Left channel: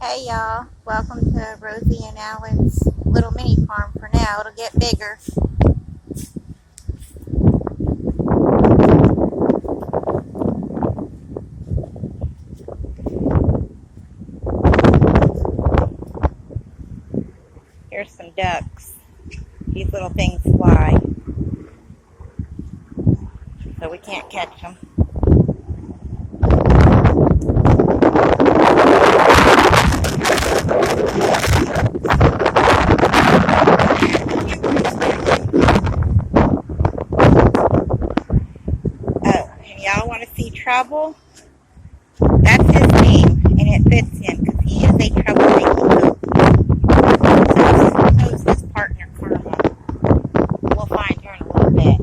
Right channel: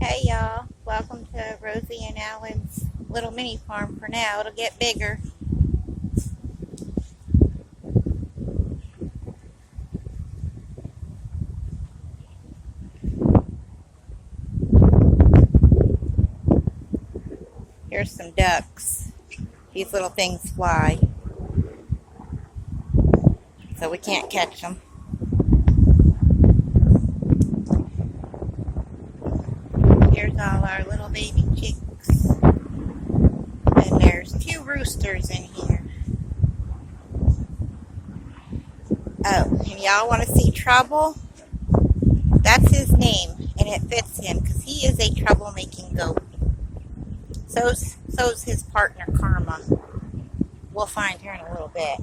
Hey y'all, welcome to Rosie and Alan's little mini farm for now. It'll get bigger. Here's some ducks. These little things fly, so we can't catch them. Here's all our baby ducks. There's two roosters in here. Oh, and y'all want to see Trouble? That's his name, and it fits him because he is a troublemaking goat. So's his partner Karma. We'll find her in a little bit.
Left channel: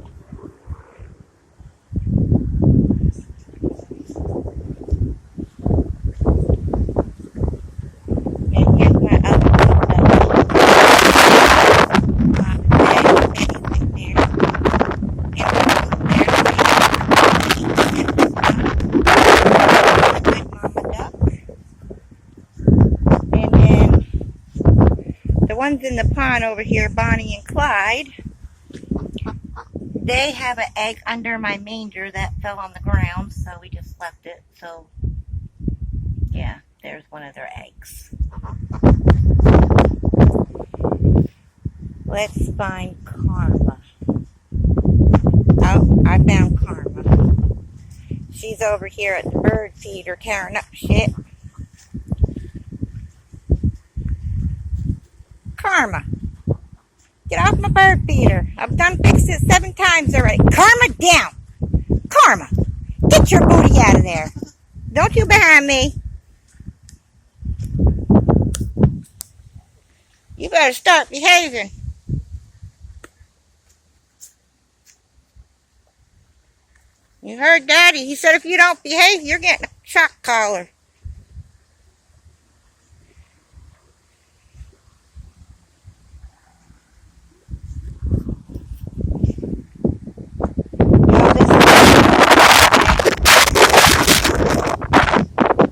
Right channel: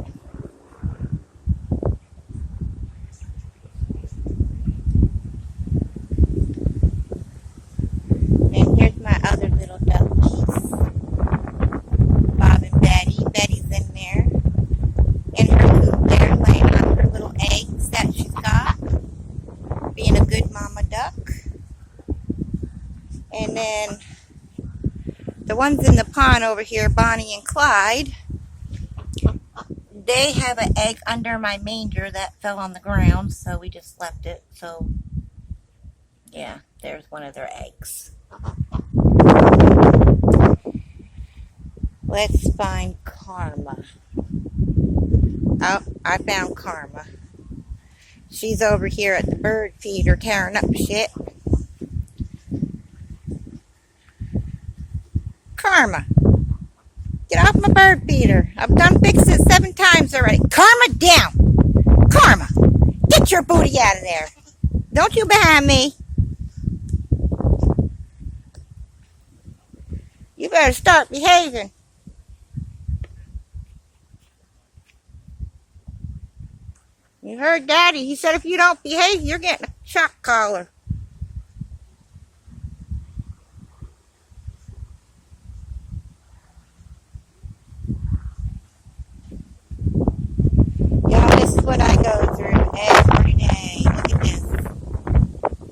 And here's my other ducks. Bob and Betty. Betty's in there. And there's the eggs that she's got. And a good mama duck. And then the ones in the pond over here, Bonnie and Clyde, they have an egg under my manger that fell on the ground, so we just left it. So, yeah, there's one of their eggs. Let's find Karma. Oh, I found Karma. She's over here at the bird feeder tearing up shit. Karma, get off my bird feeder. I've done fixed it 7 times already. Karma, down. Karma, get your booty out of there. Don't you behind me. You better start behaving. You heard Daddy. He said if you don't behave, you're getting a shock collar.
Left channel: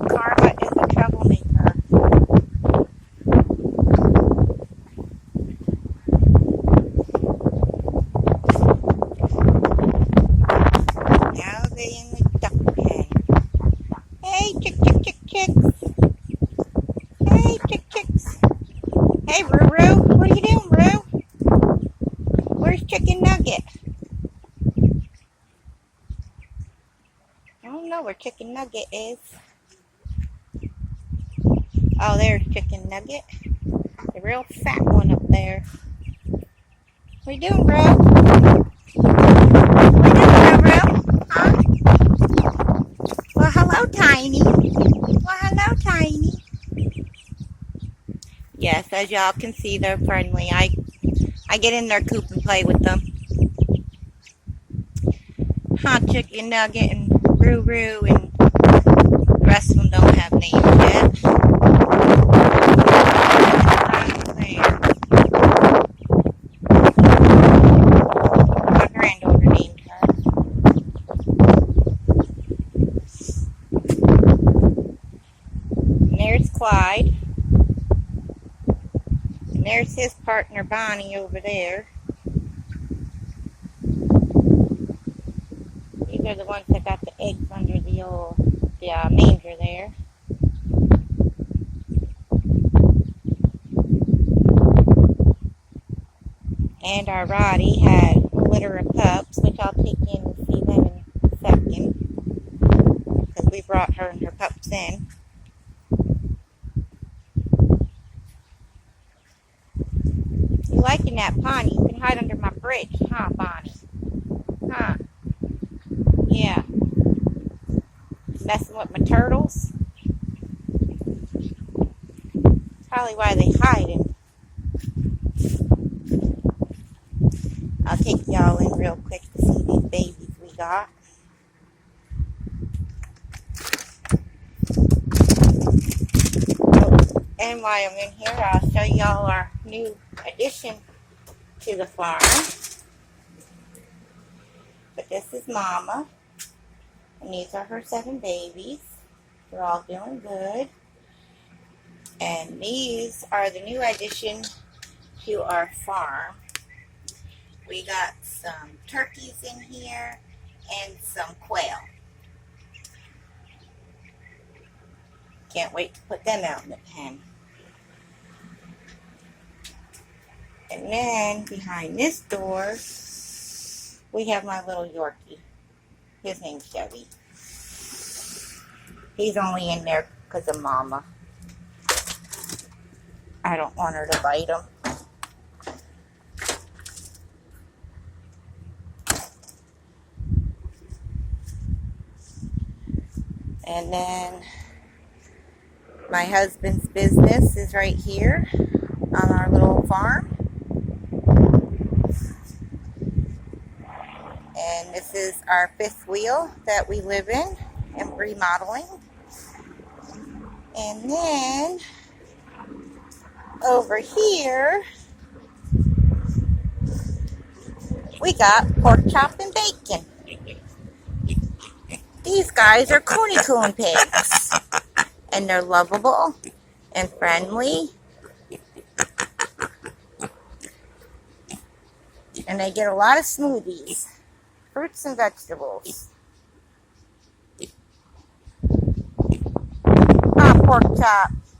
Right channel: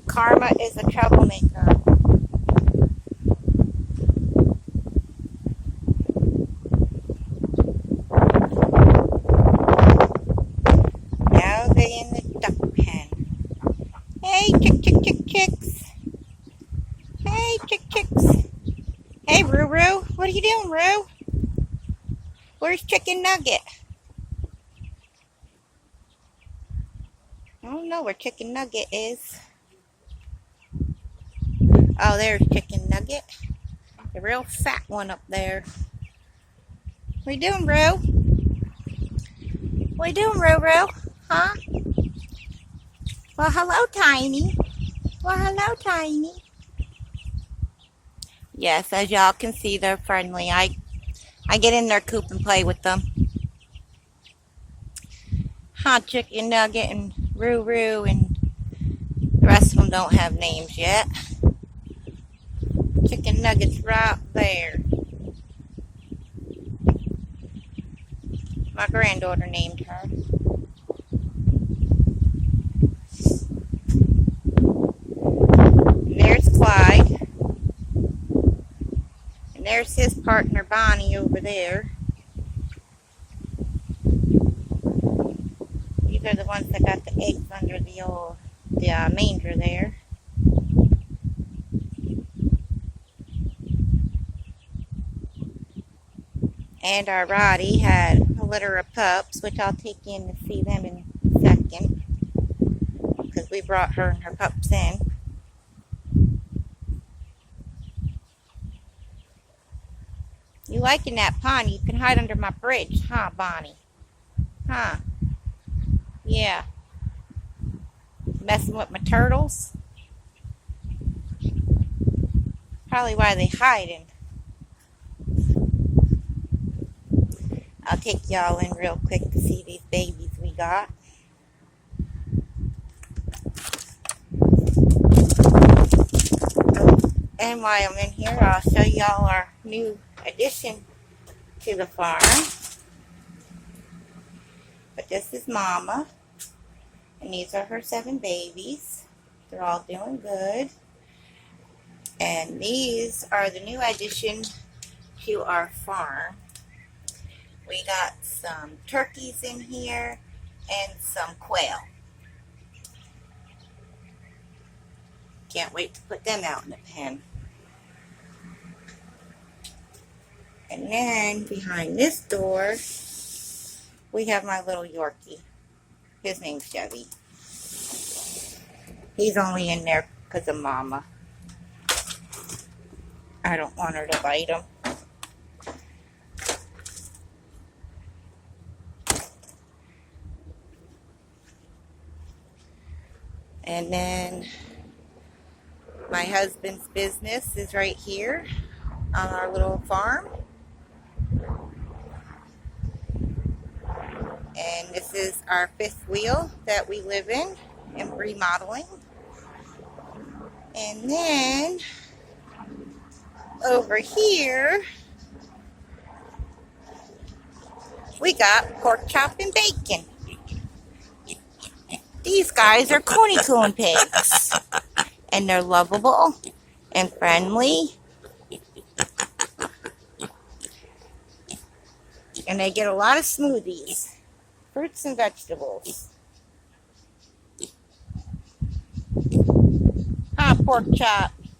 Karma is a troublemaker. Now they're in the duck pen. Hey, chicks. Hey, chicks. Hey, Roo. What are you doing, Roo? Where's Chicken Nugget? I don't know where Chicken Nugget is. Oh, there's Chicken Nugget. The real fat one up there. What are you doing, Roo? What are you doing, Roo? Huh? Well, hello, Tiny. Yes, as y'all can see, they're friendly. I get in their coop and play with them. Hot Chicken Nugget and Roo and the rest of them don't have names yet. Nugget's right there. My granddaughter named her. And there's Clyde. And there's his partner Bonnie over there. These are the ones that got the eggs under the manger there. And our Roddy had a litter of pups, which I'll take in to see them in a second, because we brought her and her pups in. You liking that pond? You can hide under my bridge, huh, Bonnie? Huh? Yeah. Messing with my turtles? Probably why they hiding. I'll take y'all in real quick to see these babies we got. And while I'm in here, I'll show y'all our new addition to the farm. But this is Mama. And these are her 7 babies. They're all doing good. And these are the new addition to our farm. We got some turkeys in here and some quail. Can't wait to put them out in the pen. And then behind this door, we have my little Yorkie. His name's Chevy. He's only in there because of Mama. I don't want her to bite him. And then my husband's business is right here on our little farm. And this is our fifth wheel that we live in and remodeling. And then over here, we got pork chop and bacon. These guys are Coney Coon pigs. And they're lovable and friendly. And they get a lot of smoothies, fruits and vegetables. Ah, pork chop.